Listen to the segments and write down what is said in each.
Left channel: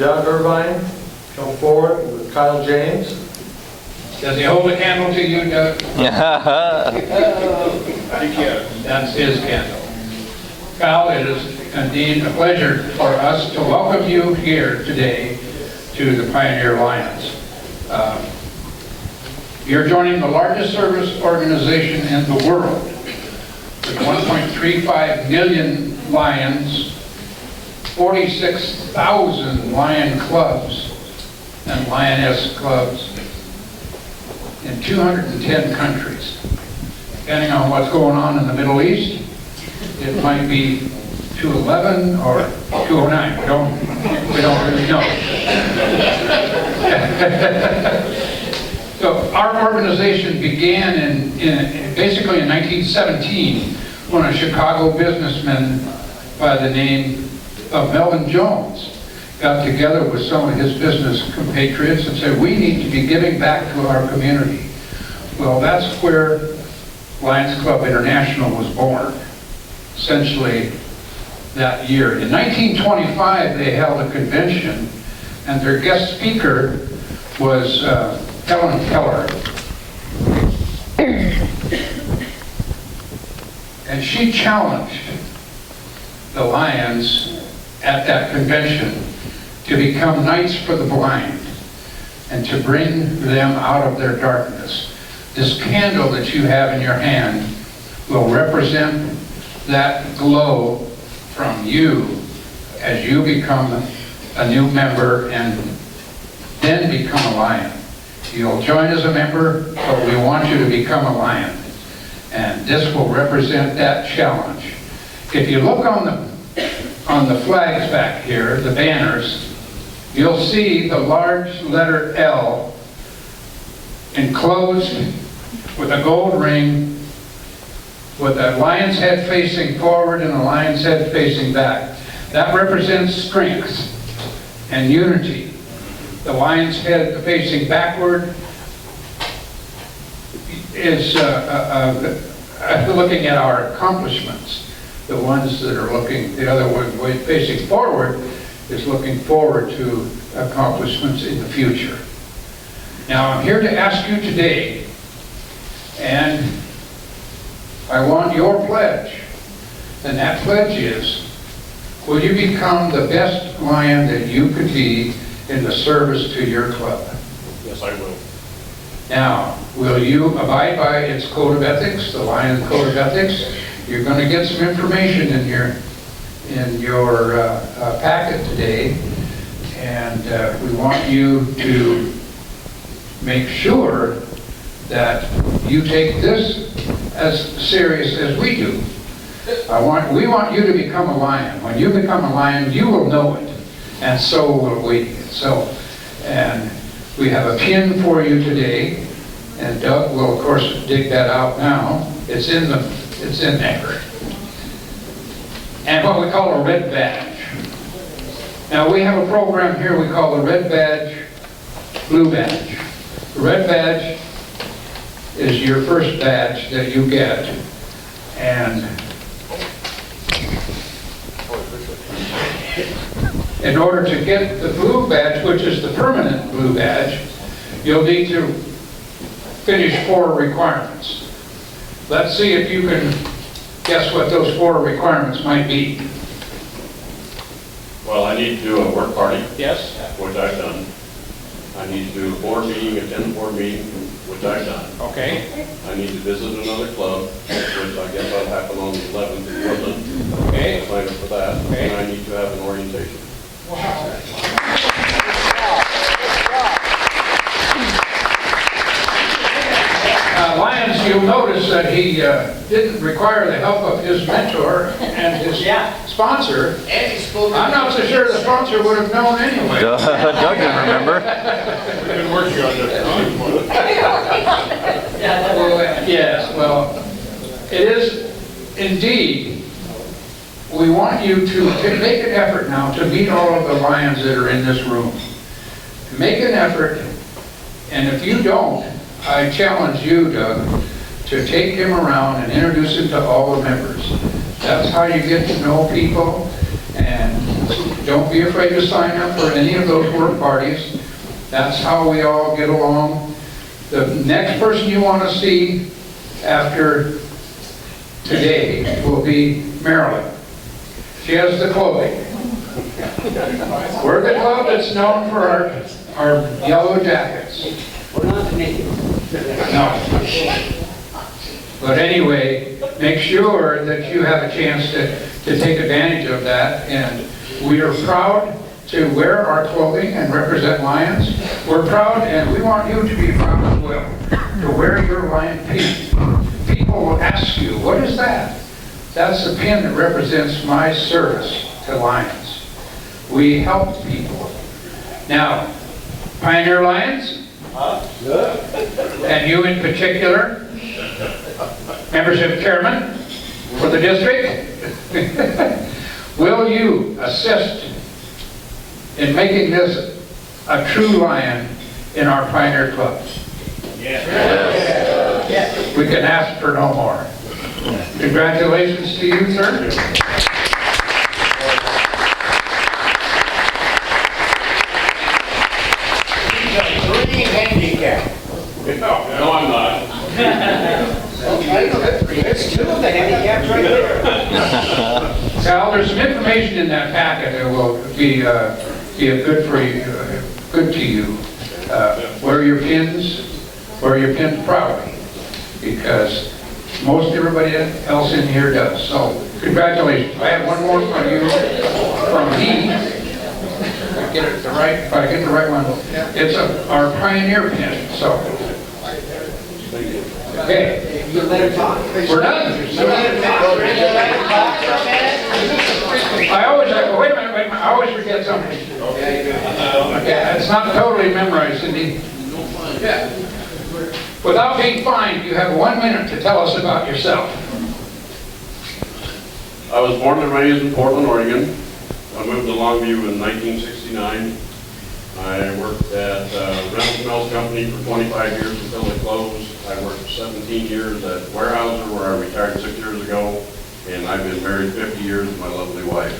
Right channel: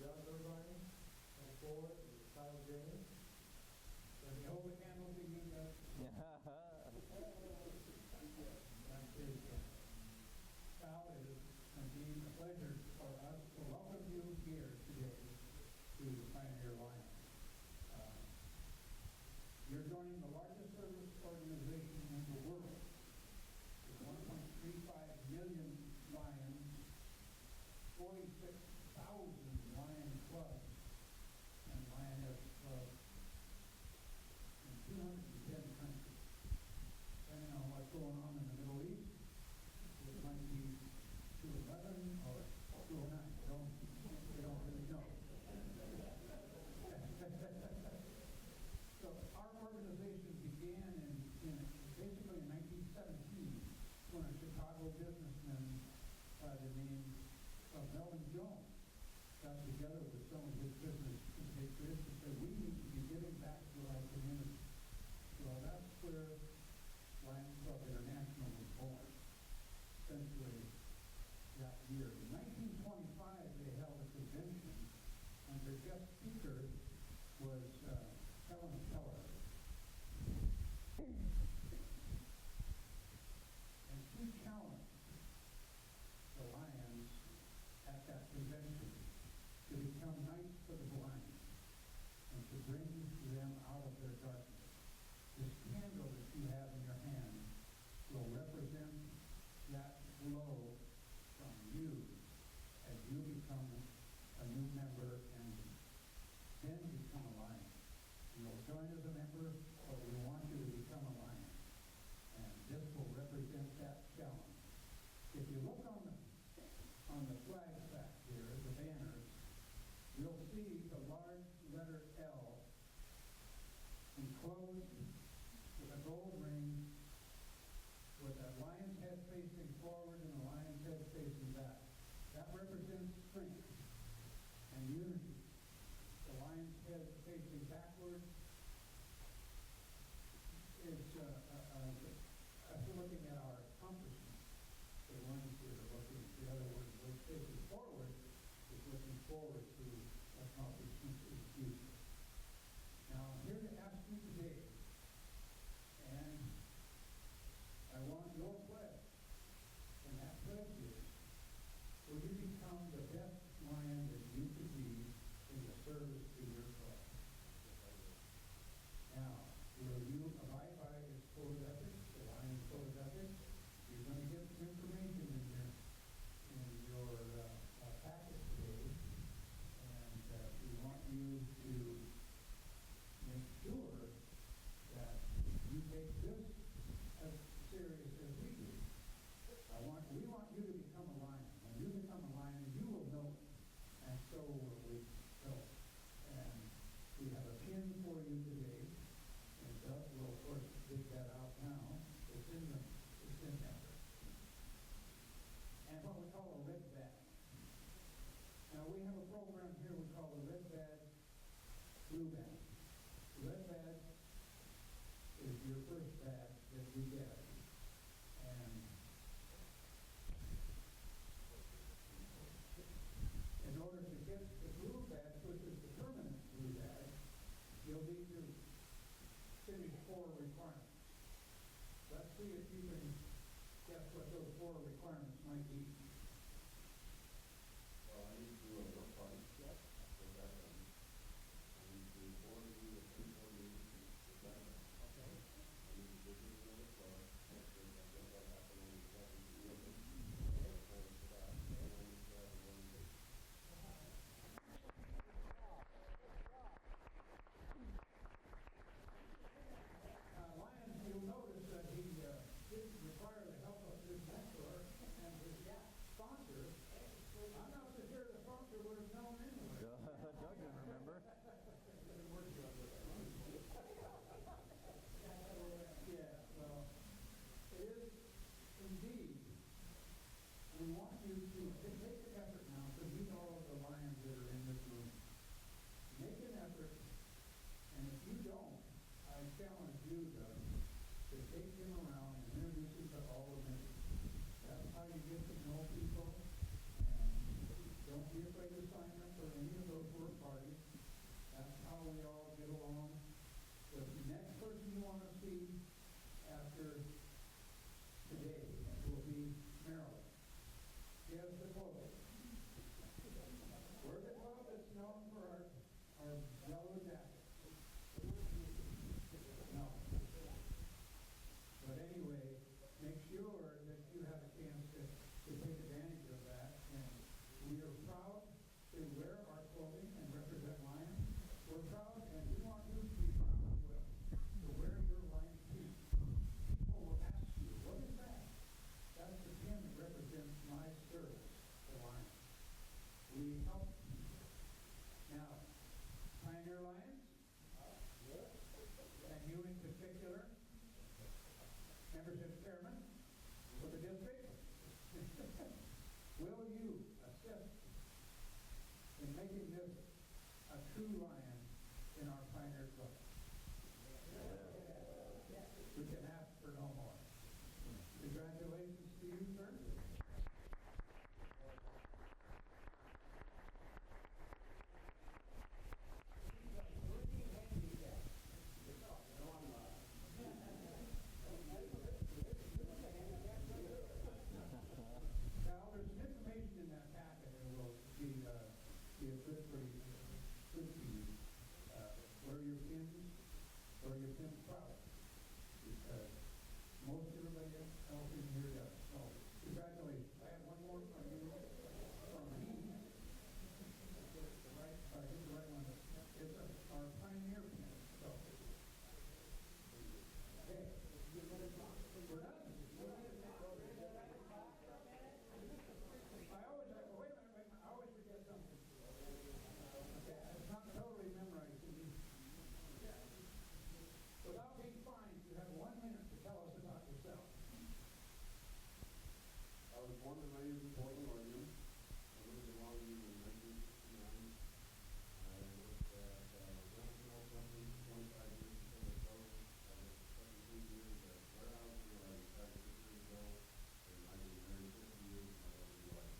Doug Irvine come forward with Kyle James. Does he hold a candle to you, Doug? That's his candle. Kyle, it is indeed a pleasure for us to welcome you here today to the Pioneer Lions. You're joining the largest service organization in the world with 1.35 million lions, 46,000 lion clubs and lioness clubs in 210 countries. Depending on what's going on in the Middle East, it might be 211 or 209. We don't really know. So our organization began basically in 1917 when a Chicago businessman by the name of Melvin Jones got together with some of his business compatriots and said, we need to be giving back to our community. Well, that's where Lions Club International was born, essentially that year. In 1925, they held a convention, and their guest speaker was Helen Keller. And she challenged the Lions at that convention to become knights for the blind and to bring them out of their darkness. This candle that you have in your hand will represent that glow from you as you become a new member and then become a lion. You'll join as a member, but we want you to become a lion. And this will represent that challenge. If you look on the flags back here, the banners, you'll see the large letter L enclosed with a gold ring with a lion's head facing forward and a lion's head facing back. That represents strength and unity. The lion's head facing backward is looking at our accomplishments. The ones that are looking, the other one facing forward is looking forward to accomplishments in the future. Now I'm here to ask you today, and I want your pledge, and that pledge is, will you become the best lion that you could be in the service to your club? Yes, I will. Now, will you abide by its code of ethics, the Lion Code of Ethics? You're going to get some information in your packet today, and we want you to make sure that you take this as serious as we do. We want you to become a lion. When you become a lion, you will know it, and so will we. And we have a pin for you today, and Doug will, of course, dig that out now. It's in there. And what we call a red badge. Now we have a program here we call the red badge, blue badge. The red badge is your first badge that you get, and in order to get the blue badge, which is the permanent blue badge, you'll need to finish 4 requirements. Let's see if you can guess what those 4 requirements might be. Well, I need to do a work party. Yes? Which I've done. I need to do a board meeting, attend a board meeting, which I've done. Okay. I need to visit another club, which I guess that'll happen on the 11th in Woodland. Okay. I'll sign up for that. Okay. And I need to have an orientation. Lions, you'll notice that he didn't require the help of his mentor and his sponsor. I'm not so sure the sponsor would have known anyway. Doug didn't remember. We've been working on this. Yes, well, it is indeed. We want you to make an effort now to meet all of the lions that are in this room. Make an effort, and if you don't, I challenge you, Doug, to take him around and introduce him to all the members. That's how you get to know people, and Don't be afraid to sign up for any of those work parties. That's how we all get along. The next person you want to see after today will be Marilyn. She has the clothing. We're the club that's known for our yellow jackets. We're not the naked. No. But anyway, make sure that you have a chance to take advantage of that. And we are proud to wear our clothing and represent Lions. We're proud, and we want you to be proud as well, to wear your Lion pin. People will ask you, what is that? That's the pin that represents my service to Lions. We help people. Now, Pioneer Lions, and you in particular, membership chairman for the district, will you assist in making this a true Lion in our Pioneer clubs? Yes. Yes. We can ask for no more. Congratulations to you, sir. No, I'm not. There's two of the handicaps right there. Cal, there's some information in that packet that will be good for you, good to you. Wear your pins proudly, because most everybody else in here does. So, congratulations. I have one more from you, from me. If I get the right one. It's our Pioneer pin. So, okay. You let him talk. We're done. You let him talk. I always wait a minute, I always forget something. Okay, it's not totally memorized, Cindy. Yeah. Without being fined, you have 1 minute to tell us about yourself. I was born and raised in Portland, Oregon. I moved to Longview in 1969. I worked at Rental Smells Company for 25 years until they closed. I worked 17 years at Weyerhaeuser, where I retired 6 years ago. And I've been married 50 years with my lovely wife.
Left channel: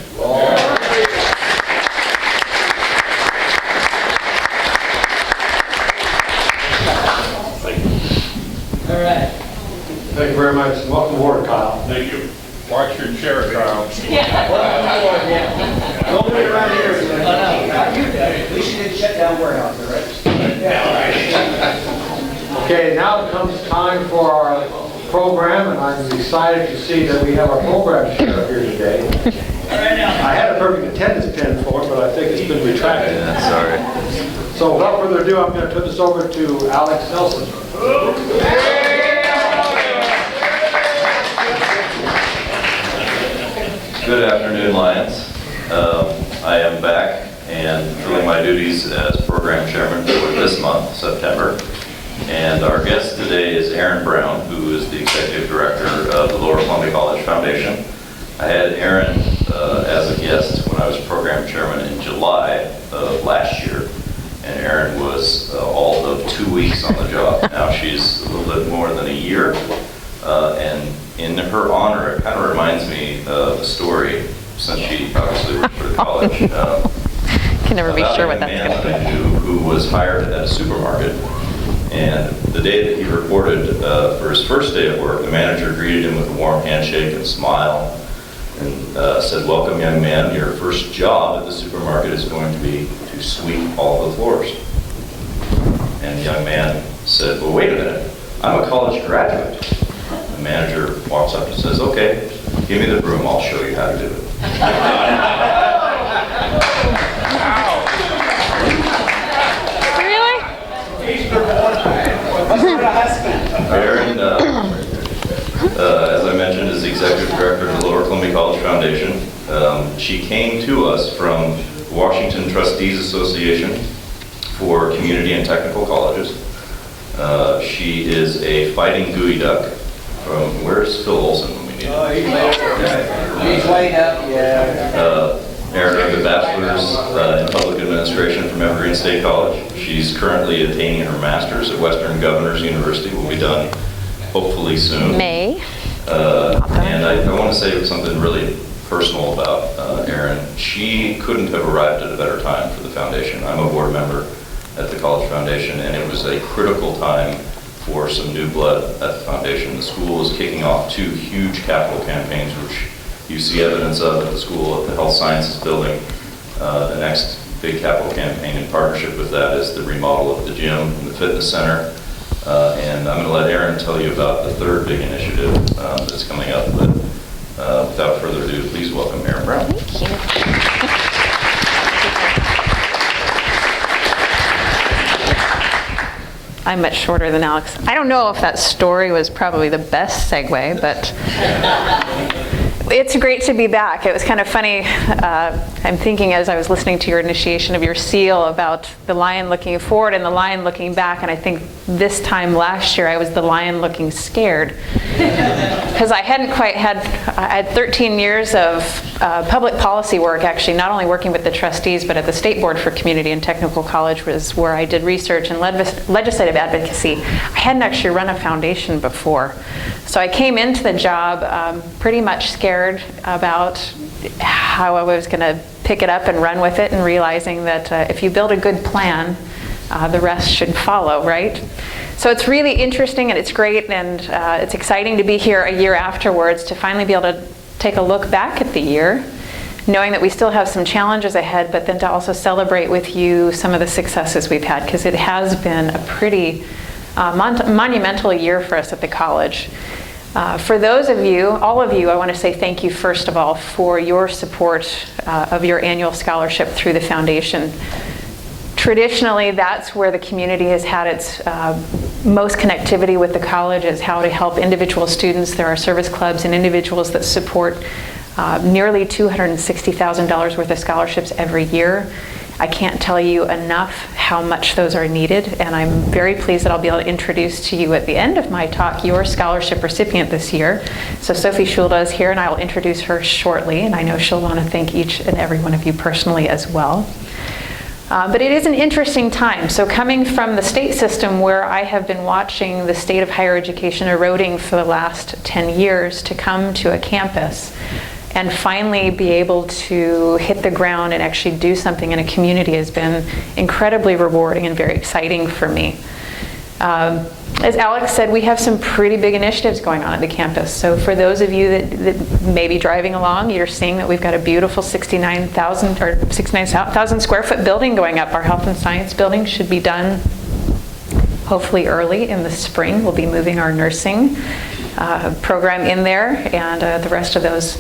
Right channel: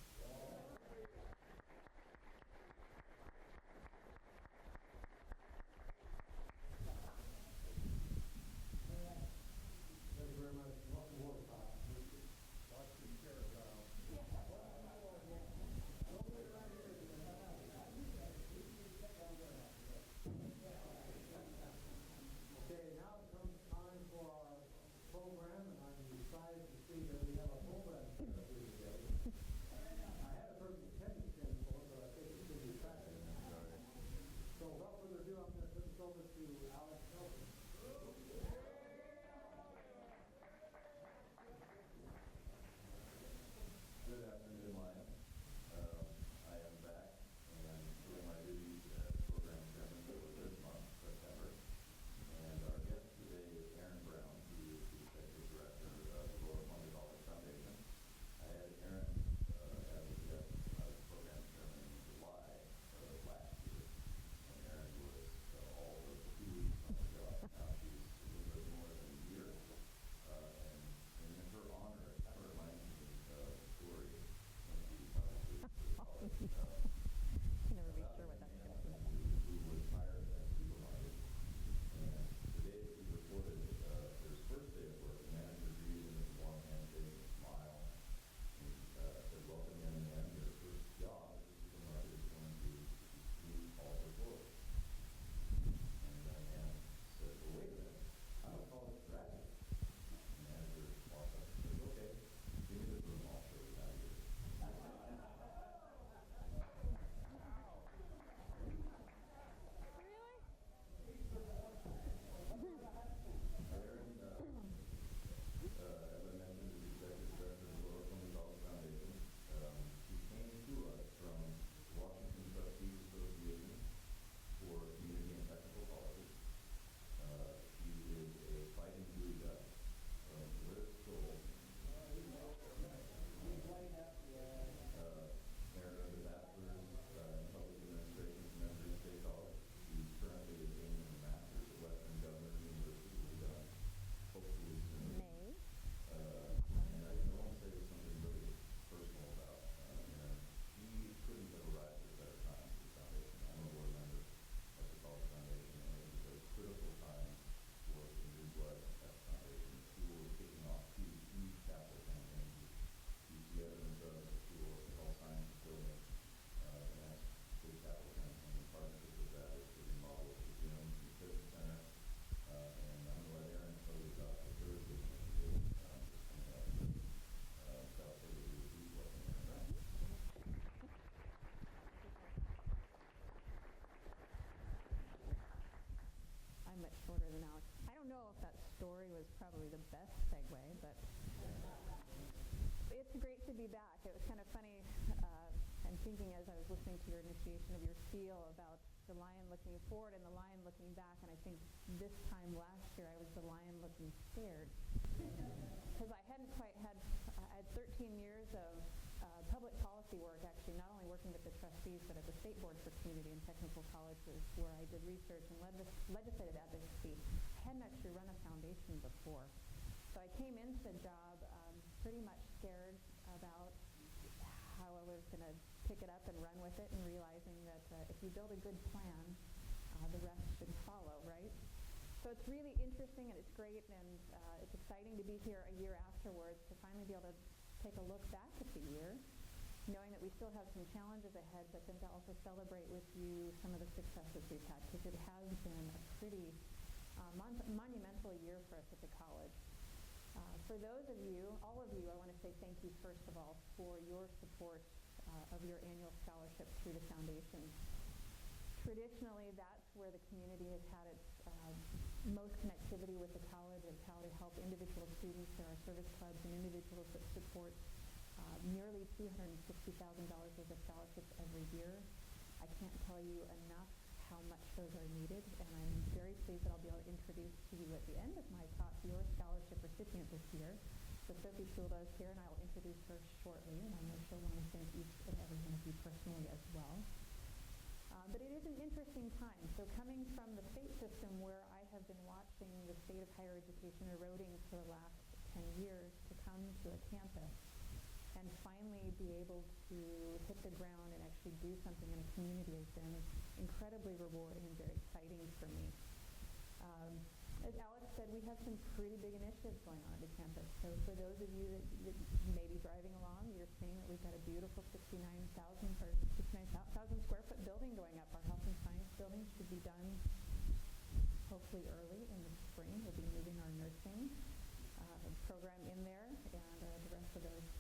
Thank you. All right. Thank you very much. Welcome aboard, Kyle. Thank you. Watch your chair, Kyle. Don't do it around here. We should shut down warehouse, right? Okay, now it comes time for our program, and I'm excited to see that we have our program sheriff here today. I had a perfect attendance pin for him, but I think it's been retracted. Sorry. So without further ado, I'm going to turn this over to Alex Nelson. Good afternoon, Lions. I am back and filling my duties as program chairman for this month, September. And our guest today is Erin Brown, who is the executive director of the Lower Columbia College Foundation. I had Erin as a guest when I was program chairman in July of last year. And Erin was all of 2 weeks on the job. Now she's a little bit more than a year. And in her honor, it kind of reminds me of a story, since she obviously worked for the college. Can never be sure what that's going to be. About a man I knew who was hired at a supermarket. And the day that he reported for his first day at work, the manager greeted him with a warm handshake and smile and said, "Welcome, young man. Your first job at the supermarket is going to be to sweep all the floors." And the young man said, "Well, wait a minute. I'm a college graduate." The manager walks up and says, "Okay, give me the broom. I'll show you how to do it." Really? Erin, as I mentioned, is the executive director of the Lower Columbia College Foundation. She came to us from the Washington Trustees Association for Community and Technical Colleges. She is a fighting gooey duck from, where's Phil Olson when we need him? He's laid up, yeah. Erin earned a bachelor's in public administration from Evergreen State College. She's currently attaining her master's at Western Governors University. Will be done hopefully soon. May. And I want to say something really personal about Erin. She couldn't have arrived at a better time for the foundation. I'm a board member at the College Foundation, and it was a critical time for some new blood at the foundation. The school is kicking off 2 huge capital campaigns, which you see evidence of at the school, at the Health Sciences Building. The next big capital campaign in partnership with that is the remodel of the gym and the fitness center. And I'm going to let Erin tell you about the 3rd big initiative that's coming up. But without further ado, please welcome Erin Brown. Thank you. I'm much shorter than Alex. I don't know if that story was probably the best segue, but it's great to be back. It was kind of funny. I'm thinking as I was listening to your initiation of your seal about the lion looking forward and the lion looking back, and I think this time last year I was the lion looking scared because I hadn't quite had, I had 13 years of public policy work, actually, not only working with the trustees, but at the State Board for Community and Technical College was where I did research and legislative advocacy. I hadn't actually run a foundation before. So I came into the job pretty much scared about how I was going to pick it up and run with it, and realizing that if you build a good plan, the rest should follow, right? So it's really interesting and it's great, and it's exciting to be here a year afterwards to finally be able to take a look back at the year, knowing that we still have some challenges ahead, but then to also celebrate with you some of the successes we've had, because it has been a pretty monumental year for us at the college. For those of you, all of you, I want to say thank you first of all for your support of your annual scholarship through the foundation. Traditionally, that's where the community has had its most connectivity with the college, is how to help individual students. There are service clubs and individuals that support nearly $260,000 worth of scholarships every year. I can't tell you enough how much those are needed, and I'm very pleased that I'll be able to introduce to you at the end of my talk your scholarship recipient this year. So Sophie Schulda is here, and I will introduce her shortly, and I know she'll want to thank each and every one of you personally as well. But it is an interesting time. So coming from the state system, where I have been watching the state of higher education eroding for the last 10 years, to come to a campus and finally be able to hit the ground and actually do something in a community has been incredibly rewarding and very exciting for me. As Alex said, we have some pretty big initiatives going on at the campus. So for those of you that may be driving along, you're seeing that we've got a beautiful 69,000 square foot building going up. Our health and science building should be done hopefully early in the spring. We'll be moving our nursing program in there, and the rest of those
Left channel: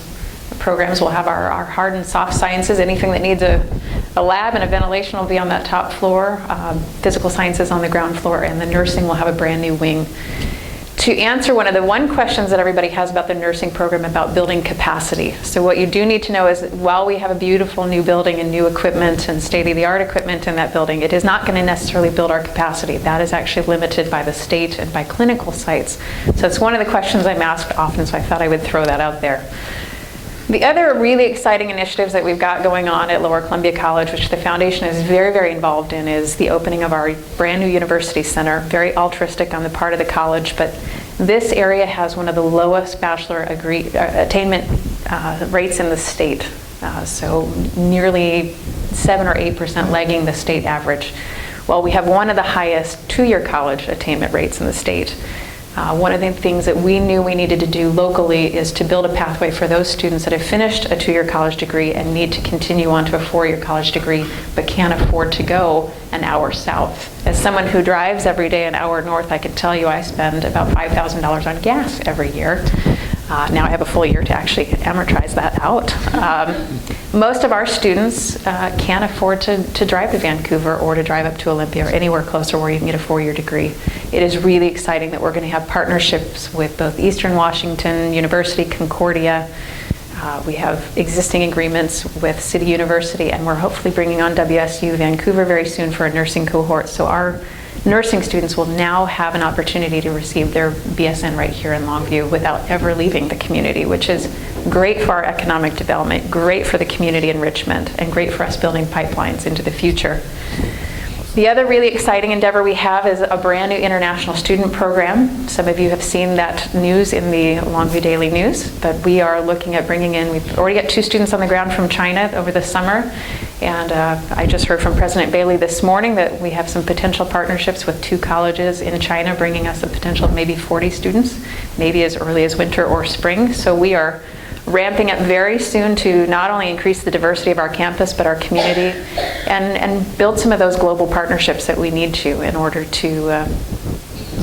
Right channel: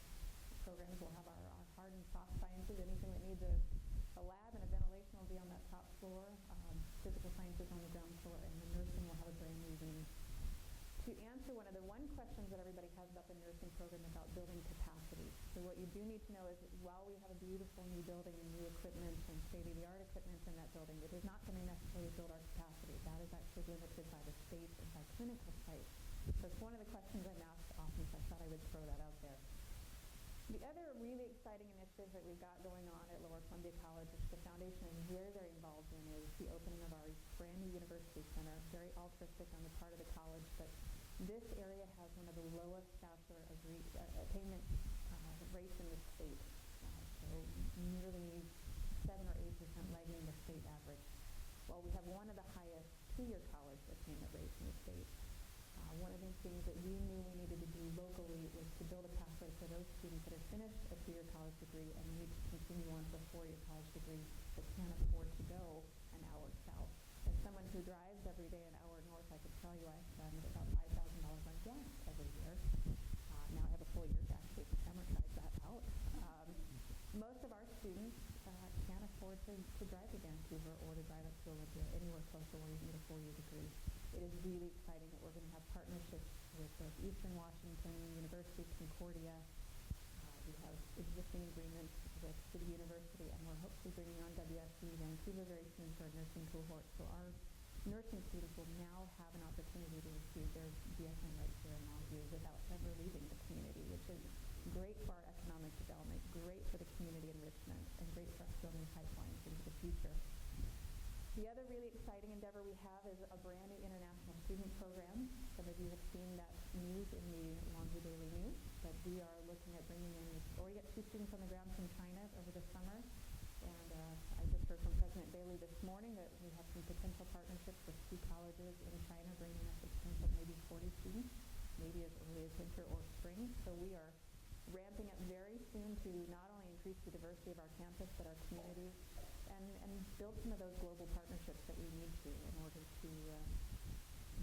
programs will have our hard and soft sciences. Anything that needs a lab and a ventilation will be on that top floor. Physical sciences on the ground floor, and the nursing will have a brand new wing. To answer one questions that everybody has about the nursing program, about building capacity. So what you do need to know is that while we have a beautiful new building and new equipment and state-of-the-art equipment in that building, it is not going to necessarily build our capacity. That is actually limited by the state and by clinical sites. So it's one of the questions I'm asked often, so I thought I would throw that out there. The other really exciting initiatives that we've got going on at Lower Columbia College, which the foundation is very, very involved in, is the opening of our brand new university center. Very altruistic on the part of the college, but this area has one of the lowest bachelor attainment rates in the state. So nearly 7 or 8% lagging the state average. While we have one of the highest two-year college attainment rates in the state. One of the things that we knew we needed to do locally is to build a pathway for those students that have finished a 2-year college degree and need to continue on to a 4-year college degree, but can't afford to go an hour south. As someone who drives every day an hour north, I can tell you I spend about $5,000 on gas every year. Now I have a full year to actually amortize that out. Most of our students can't afford to drive to Vancouver or to drive up to Olympia or anywhere closer where you can get a 4-year degree. It is really exciting that we're going to have partnerships with both Eastern Washington University, Concordia. We have existing agreements with City University, and we're hopefully bringing on WSU Vancouver very soon for a nursing cohort. So our nursing students will now have an opportunity to receive their BSN right here in Longview without ever leaving the community, which is great for our economic development, great for the community enrichment, and great for us building pipelines into the future. The other really exciting endeavor we have is a brand new international student program. Some of you have seen that news in the Longview Daily News, but we are looking at bringing in, we've already got 2 students on the ground from China over the summer, and I just heard from President Bailey this morning that we have some potential partnerships with 2 colleges in China, bringing us a potential of maybe 40 students, maybe as early as winter or spring. So we are ramping up very soon to not only increase the diversity of our campus, but our community, and build some of those global partnerships that we need to in order to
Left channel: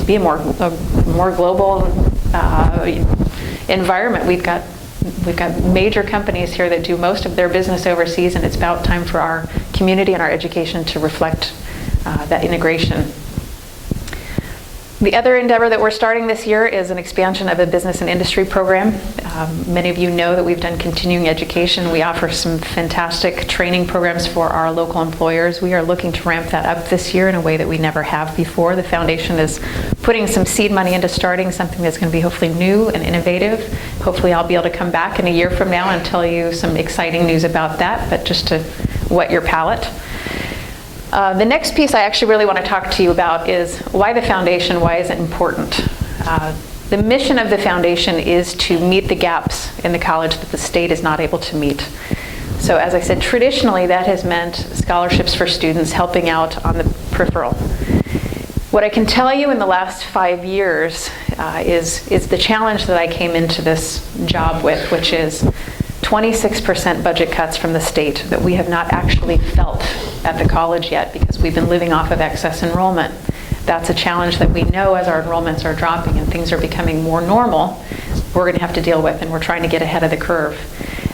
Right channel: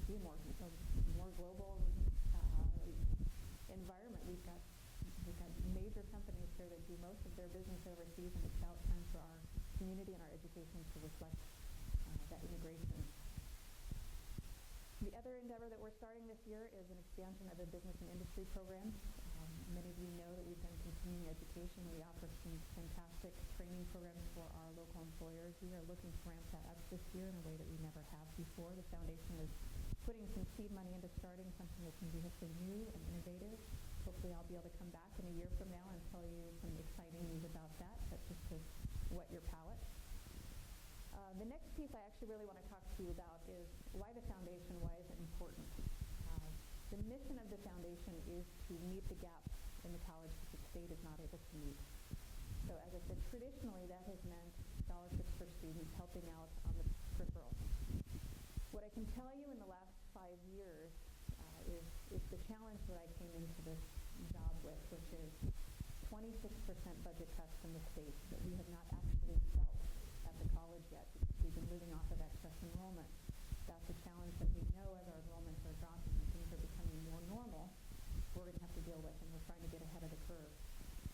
be a more global environment. We've got major companies here that do most of their business overseas, and it's about time for our community and our education to reflect that integration. The other endeavor that we're starting this year is an expansion of a business and industry program. Many of you know that we've done continuing education. We offer some fantastic training programs for our local employers. We are looking to ramp that up this year in a way that we never have before. The foundation is putting some seed money into starting something that's going to be hopefully new and innovative. Hopefully I'll be able to come back in a year from now and tell you some exciting news about that, but just to whet your palate. The next piece I actually really want to talk to you about is why the foundation, why is it important? The mission of the foundation is to meet the gaps in the college that the state is not able to meet. So as I said, traditionally that has meant scholarships for students helping out on the peripheral. What I can tell you in the last 5 years is the challenge that I came into this job with, which is 26% budget cuts from the state that we have not actually felt at the college yet because we've been living off of excess enrollment. That's a challenge that we know as our enrollments are dropping and things are becoming more normal, we're going to have to deal with, and we're trying to get ahead of the curve.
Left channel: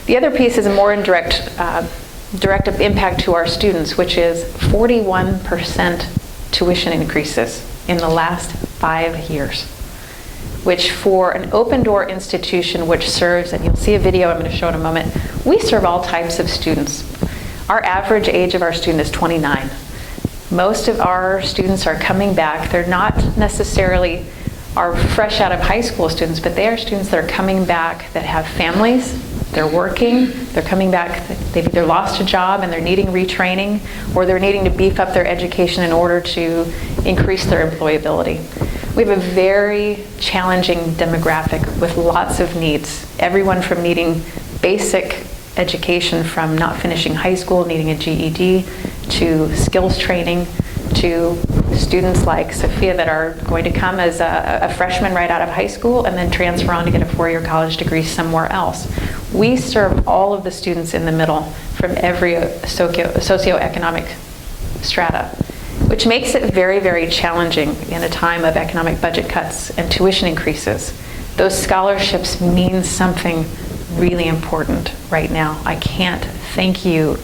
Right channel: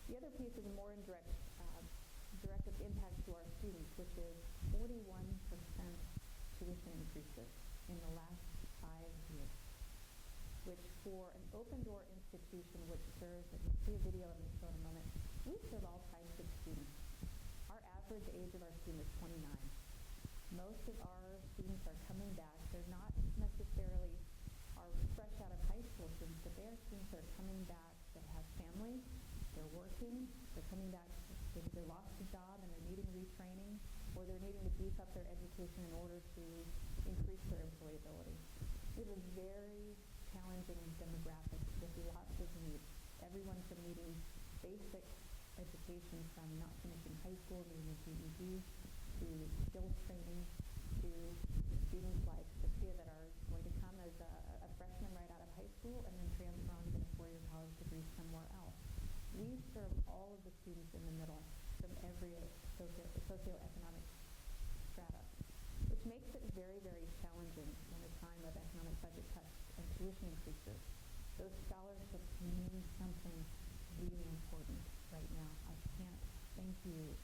The other piece is a more indirect direct impact to our students, which is 41% tuition increases in the last 5 years. Which for an open door institution which serves, and you'll see a video I'm going to show in a moment, we serve all types of students. Our average age of our student is 29. Most of our students are coming back. They're not necessarily our fresh out of high school students, but they are students that are coming back that have families, they're working, they're coming back, they've either lost a job and they're needing retraining, or they're needing to beef up their education in order to increase their employability. We have a very challenging demographic with lots of needs. Everyone from needing basic education from not finishing high school, needing a GED, to skills training, to students like Sophia that are going to come as a freshman right out of high school and then transfer on to get a 4-year college degree somewhere else. We serve all of the students in the middle from every socioeconomic strata, which makes it very, very challenging in a time of economic budget cuts and tuition increases. Those scholarships mean something really important right now. I can't thank you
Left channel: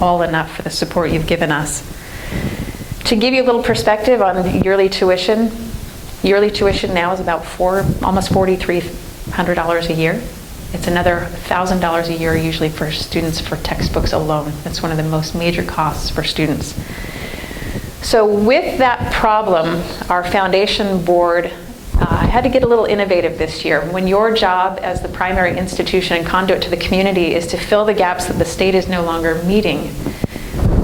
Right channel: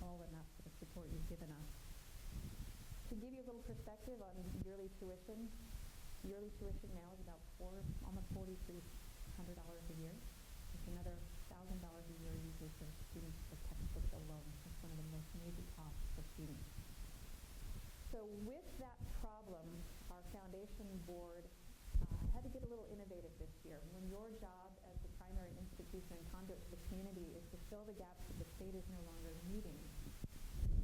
all enough for the support you've given us. To give you a little perspective on yearly tuition now is about almost $4,300 a year. It's another $1,000 a year usually for students for textbooks alone. It's one of the most major costs for students. So with that problem, our foundation board had to get a little innovative this year. When your job as the primary institution and conduit to the community is to fill the gaps that the state is no longer meeting,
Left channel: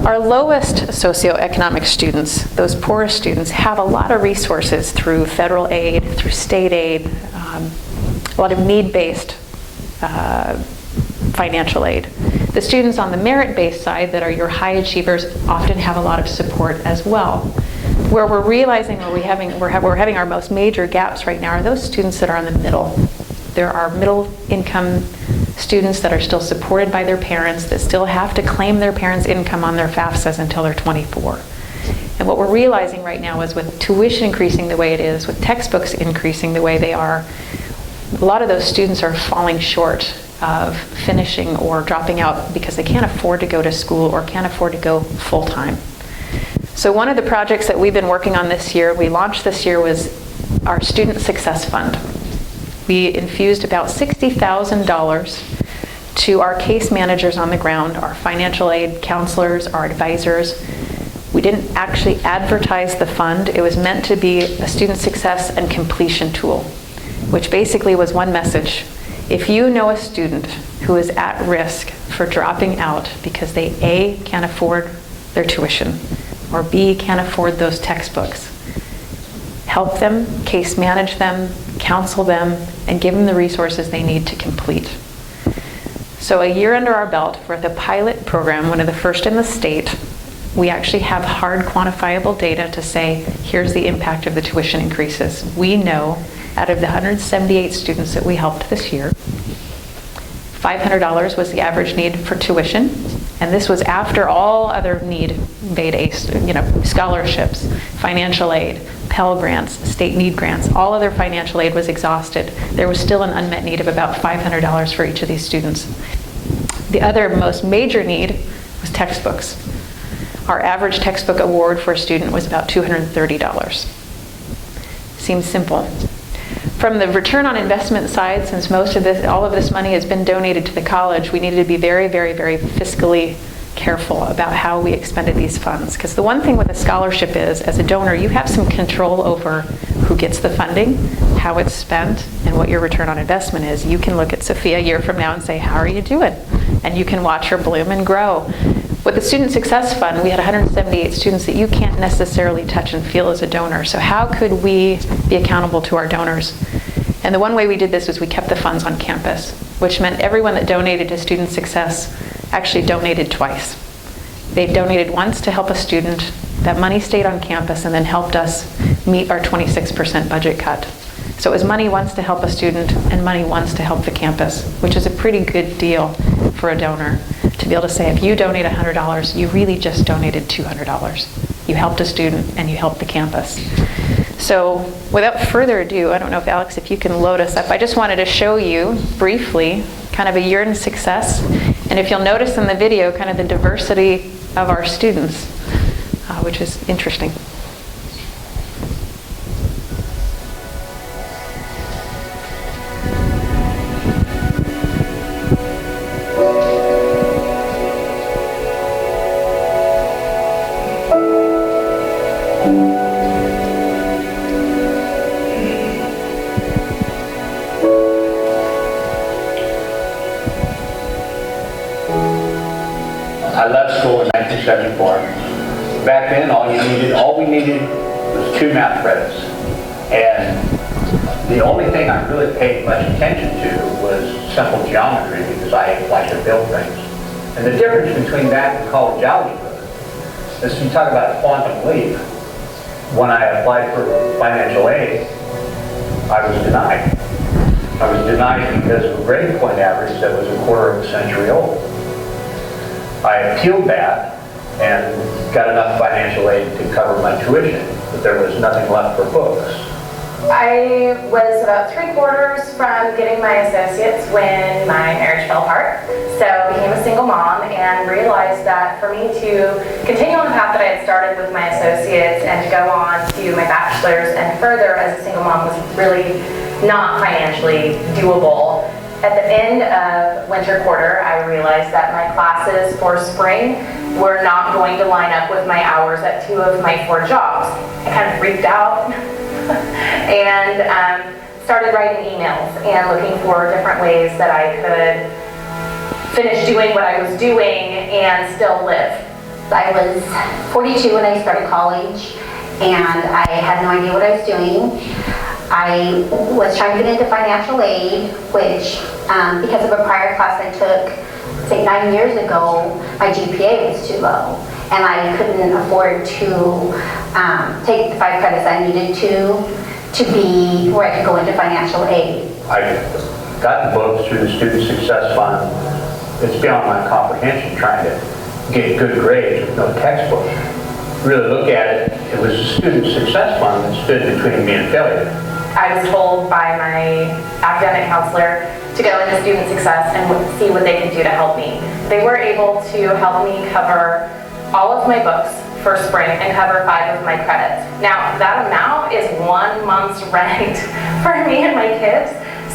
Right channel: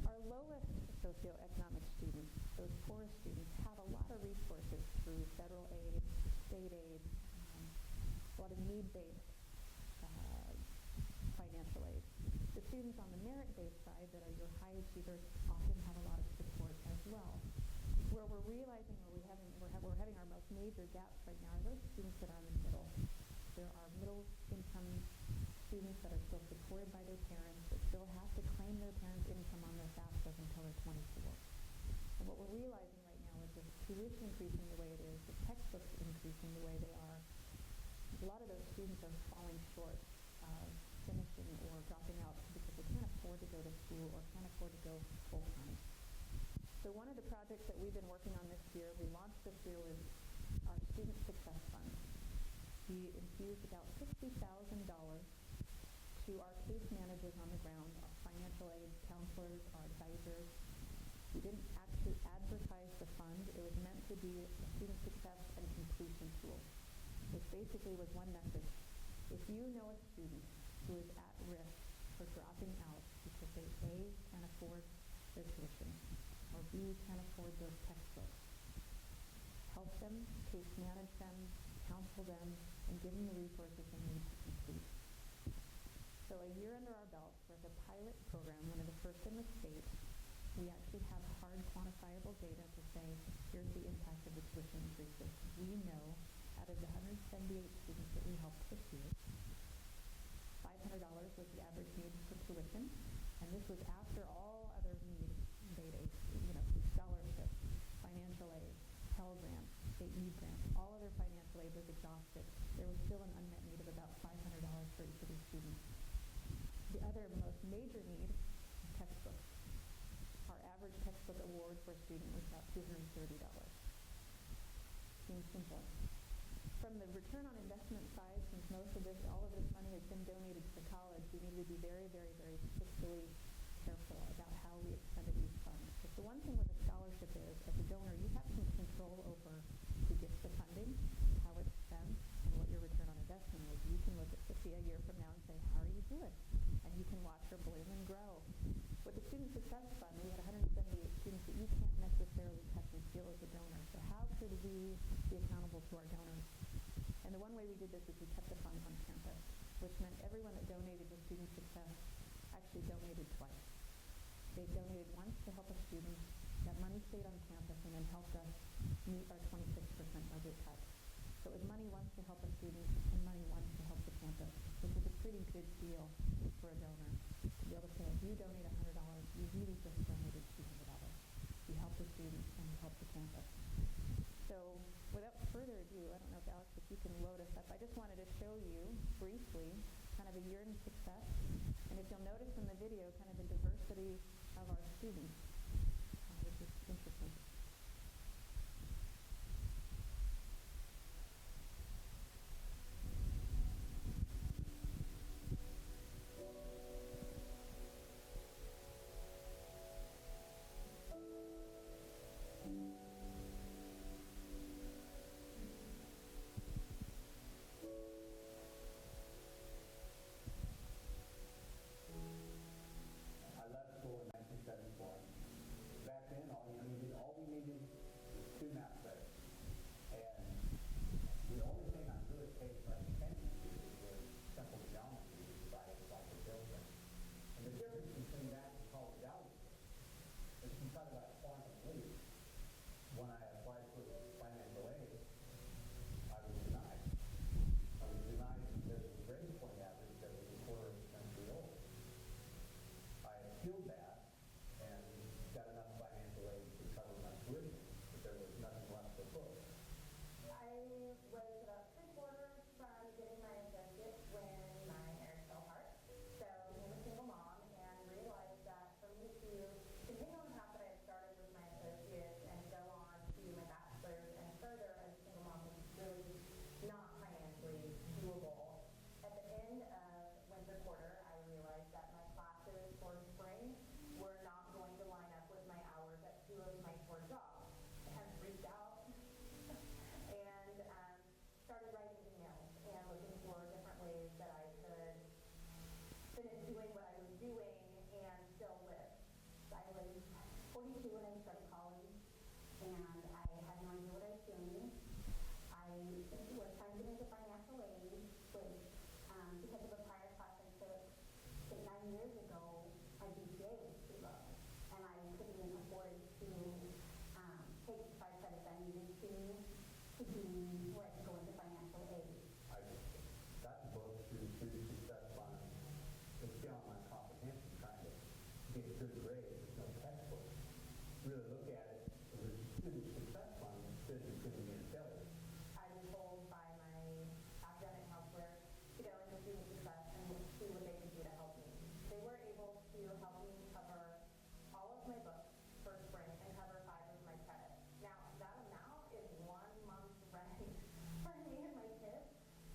our lowest socioeconomic students, those poorest students, have a lot of resources through federal aid, through state aid, a lot of need-based financial aid. The students on the merit-based side that are your high achievers often have a lot of support as well. Where we're realizing we're having our most major gaps right now are those students that are in the middle. There are middle-income students that are still supported by their parents that still have to claim their parents' income on their FAFSAs until they're 24. And what we're realizing right now is with tuition increasing the way it is, with textbooks increasing the way they are, a lot of those students are falling short of finishing or dropping out because they can't afford to go to school or can't afford to go full-time. So one of the projects that we've been working on this year, we launched this year, was our Student Success Fund. We infused about $60,000 to our case managers on the ground, our financial aid counselors, our advisors. We didn't actually advertise the fund. It was meant to be a student success and completion tool, which basically was one message. If you know a student who is at risk for dropping out because they A, can't afford their tuition, or B, can't afford those textbooks. Help them, case manage them, counsel them, and give them the resources they need to complete. So a year under our belt for the pilot program, one of the first in the state, we actually have hard quantifiable data to say, here's the impact of the tuition increases. We know out of the 178 students that we helped this year, $500 was the average need for tuition, and this was after all other need-based, scholarships, financial aid, Pell Grants, state need grants, all other financial aid was exhausted. There was still an unmet need of about $500 for each of these students. The other most major need was textbooks. Our average textbook award for a student was about $230. Seems simple. From the return on investment side, since all of this money has been donated to the college, we needed to be very, very, very fiscally careful about how we expended these funds. Because the one thing with a scholarship is, as a donor, you have some control over who gets the funding, how it's spent, and what your return on investment is. You can look at Sophia a year from now and say, how are you doing? And you can watch her bloom and grow. With the Student Success Fund, we had 178 students that you can't necessarily touch and feel as a donor. So how could we be accountable to our donors? And the one way we did this was we kept the funds on campus, which meant everyone that donated to Student Success actually donated twice. They donated once to help a student, that money stayed on campus and then helped us meet our 26% budget cut. So it was money once to help a student and money once to help the campus, which is a pretty good deal for a donor to be able to say, if you donate $100, you really just donated $200. You helped a student and you helped the campus. So without further ado, I don't know if Alex, if you can load us up. I just wanted to show you briefly kind of a year in success. And if you'll notice in the video, kind of the diversity of our students, which is interesting. I left school in 1974. Back then, all we needed was 2 math credits. And the only thing I really paid much attention to was simple geometry because I like to build things. And the difference between that and college algebra is when you talk about quantum leap. When I applied for financial aid, I was denied. I was denied because of a grade point average that was a quarter of a century old. I appealed that and got enough financial aid to cover my tuition, but there was nothing left for books. I was about 3/4 from getting my associates when my marriage fell apart. So I became a single mom and realized that for me to continue on the path that I had started with my associates and to go on to my bachelor's and further as a single mom was really not financially doable. At the end of winter quarter, I realized that my classes for spring were not going to line up with my hours at 2 of my 4 jobs. I kind of freaked out and started writing emails and looking for different ways that I could finish doing what I was doing and still live. I was 42 when I started college, and I had no idea what I was doing. I was trying to get into financial aid, which, because of a prior class I took, say 9 years ago, my GPA was too low. And I couldn't afford to take the 5 credits I needed to be where I could go into financial aid. I got books through the Student Success Fund. It's beyond my comprehension trying to get good grades with no textbook. Really look at it, it was the Student Success Fund that stood between me and failure. I was told by my academic counselor to go into student success and see what they could do to help me. They were able to help me cover all of my books for spring and cover 5 of my credits. Now, that amount is 1 month's rent for me and my kids,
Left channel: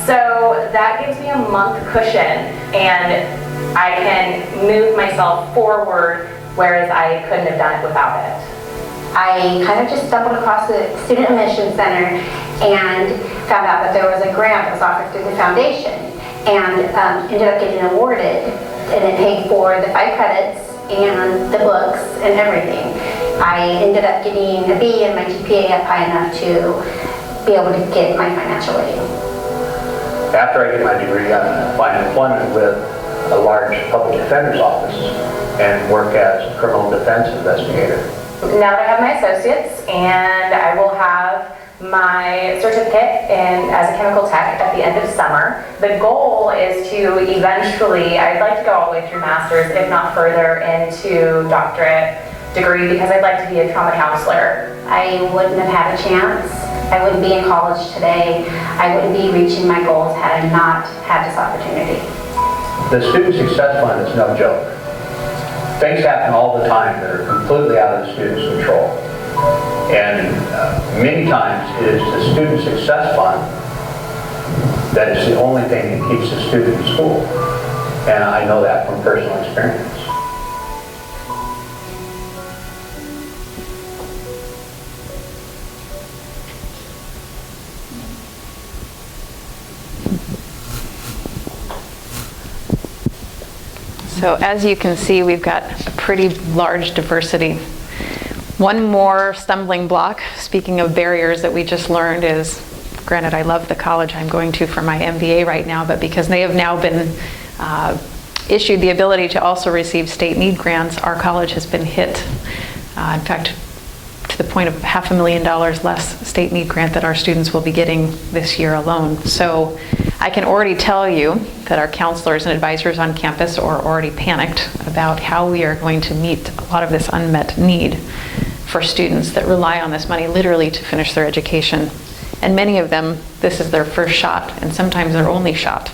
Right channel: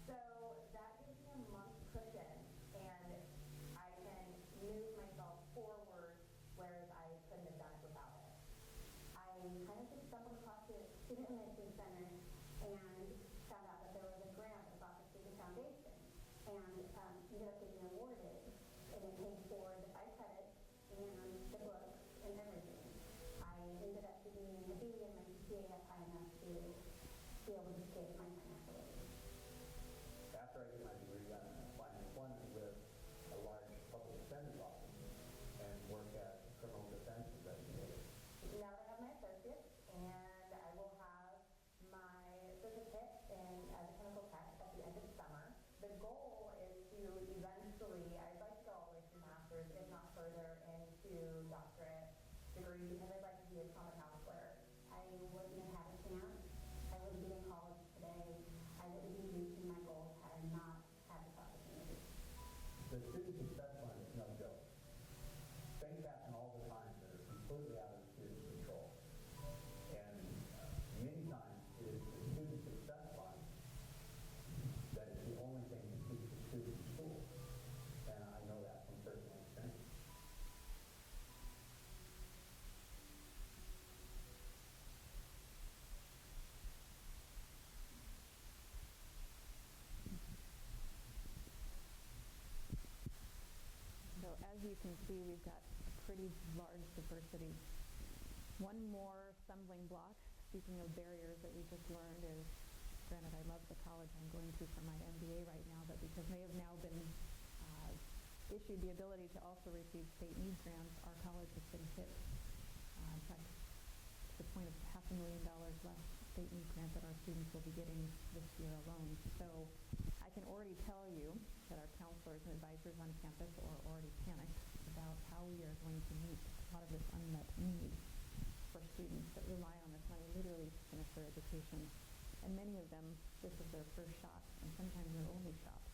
so that gives me a month cushion, and I can move myself forward, whereas I couldn't have done it without it. I kind of just stumbled across the Student Admission Center and found out that there was a grant that was offered through the foundation, and ended up getting awarded, and it paid for the 5 credits and the books and everything. I ended up getting a B and my GPA up high enough to be able to get my financial aid. After I get my degree, I'm going to find employment with a large public defender's office and work as a criminal defense investigator. Now that I have my associates, and I will have my certificate as a chemical tech at the end of summer. The goal is to eventually, I'd like to go all the way through master's, if not further, into doctorate degree, because I'd like to be a trauma counselor. I wouldn't have had a chance. I wouldn't be in college today. I wouldn't be reaching my goals had I not had this opportunity. The Student Success Fund is no joke. Things happen all the time that are completely out of the student's control. And many times it is the Student Success Fund that is the only thing that keeps the student in school. And I know that from personal experience. So as you can see, we've got a pretty large diversity. One more stumbling block, speaking of barriers that we just learned, is, granted I love the college I'm going to for my MBA right now, but because they have now been issued the ability to also receive state need grants, our college has been hit. In fact, to the point of $500,000 less state need grant that our students will be getting this year alone. So I can already tell you that our counselors and advisors on campus are already panicked about how we are going to meet a lot of this unmet need for students that rely on this money literally to finish their education. And many of them, this is their first shot, and sometimes their only shot.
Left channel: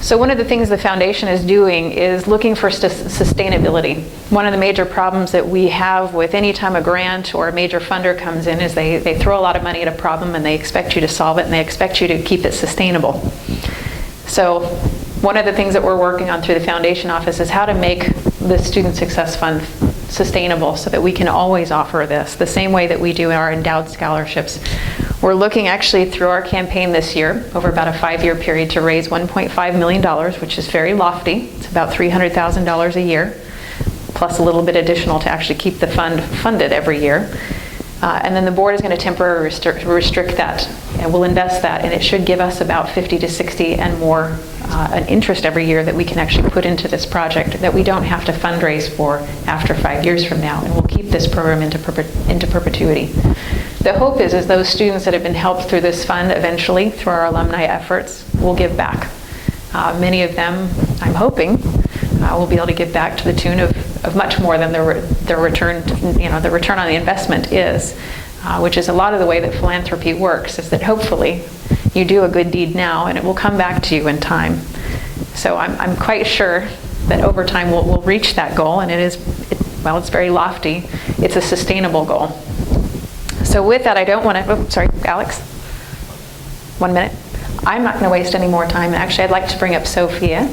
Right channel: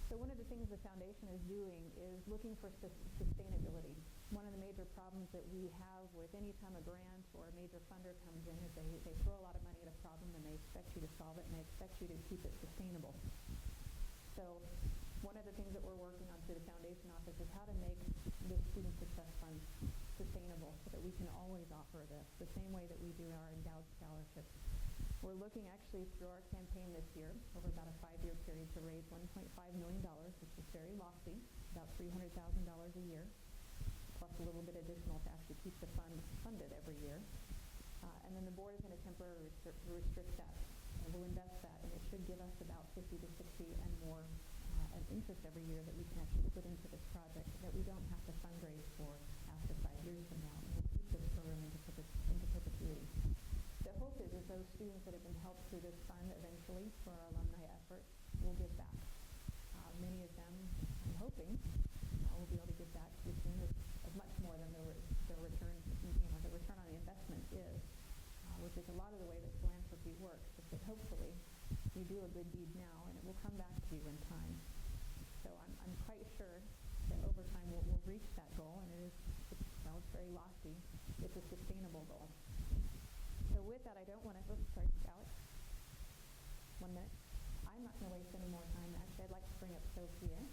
So one of the things the foundation is doing is looking for sustainability. One of the major problems that we have with any time a grant or a major funder comes in is they throw a lot of money at a problem and they expect you to solve it and they expect you to keep it sustainable. So one of the things that we're working on through the foundation office is how to make the Student Success Fund sustainable so that we can always offer this, the same way that we do our endowed scholarships. We're looking actually through our campaign this year, over about a 5-year period, to raise $1.5 million, which is very lofty. It's about $300,000 a year, plus a little bit additional to actually keep the fund funded every year. And then the board is going to temporarily restrict that, and we'll invest that, and it should give us about 50 to 60 and more an interest every year that we can actually put into this project that we don't have to fundraise for after 5 years from now, and we'll keep this program into perpetuity. The hope is those students that have been helped through this fund eventually, through our alumni efforts, will give back. Many of them, I'm hoping, will be able to give back to the tune of much more than their return, the return on the investment is, which is a lot of the way that philanthropy works, is that hopefully you do a good deed now and it will come back to you in time. So I'm quite sure that over time we'll reach that goal, and it's very lofty. It's a sustainable goal. So with that, I don't want to, sorry, Alex, 1 minute. I'm not going to waste any more time. Actually, I'd like to bring up Sophia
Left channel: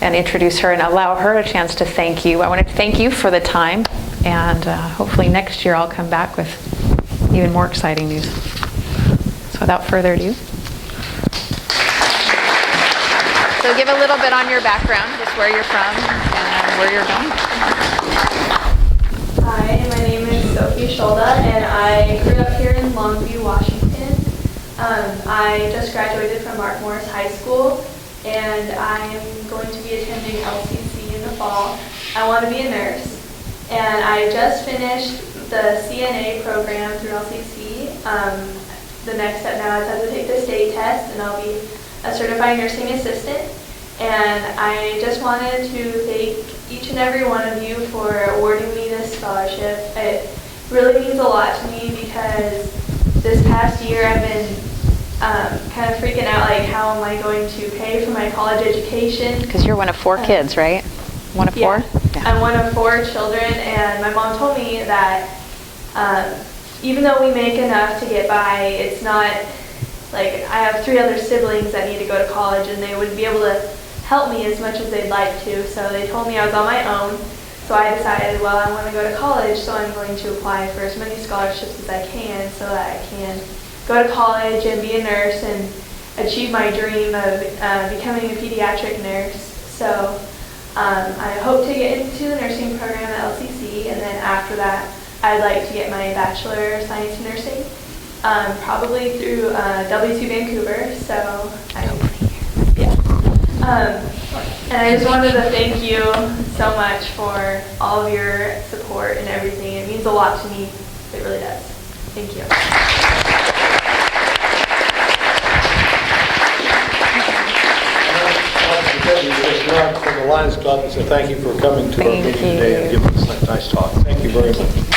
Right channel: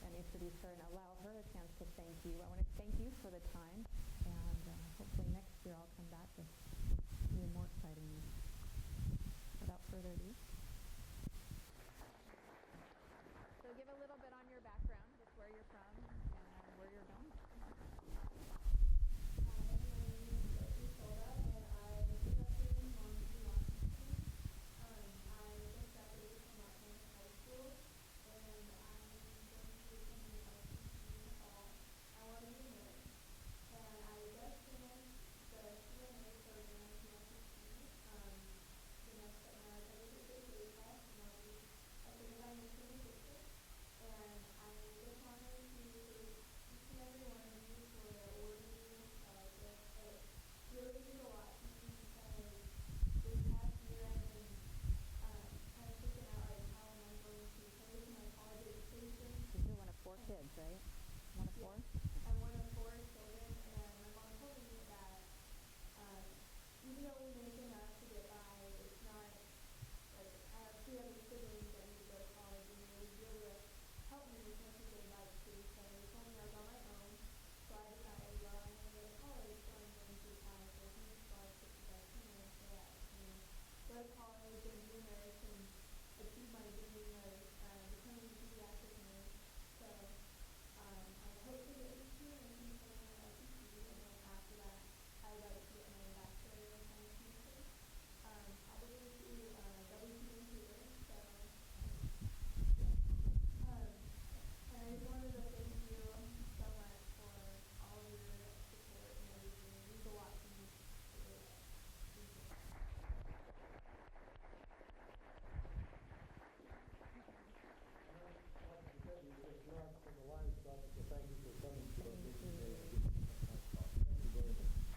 and introduce her and allow her a chance to thank you. I want to thank you for the time, and hopefully next year I'll come back with even more exciting news. So without further ado. So give a little bit on your background, just where you're from and where you're going. Hi, my name is Sophie Scholda, and I grew up here in Longview, Washington. I just graduated from Morris High School, and I'm going to be attending LCC in the fall. I want to be a nurse, and I just finished the CNA program through LCC. The next step now is I have to take the state test, and I'll be a certified nursing assistant. And I just wanted to thank each and every one of you for awarding me this scholarship. It really means a lot to me because this past year I've been kind of freaking out, like, how am I going to pay for my college education? Because you're one of 4 kids, right? One of 4? Yeah. I'm one of 4 children, and my mom told me that even though we make enough to get by, it's not, like, I have 3 other siblings that need to go to college, and they wouldn't be able to help me as much as they'd like to, so they told me I was on my own. So I decided, well, I want to go to college, so I'm going to apply for as many scholarships as I can so that I can go to college and be a nurse and achieve my dream of becoming a pediatric nurse. So I hope to get into the nursing program at LCC, and then after that, I'd like to get my Bachelor of Science in Nursing, probably through W2 Vancouver, so and I just wanted to thank you so much for all of your support and everything. It means a lot to me. It really does. Thank you. From the Lions Club, so thank you for coming to our meeting today and giving us that nice talk. Thank you very much.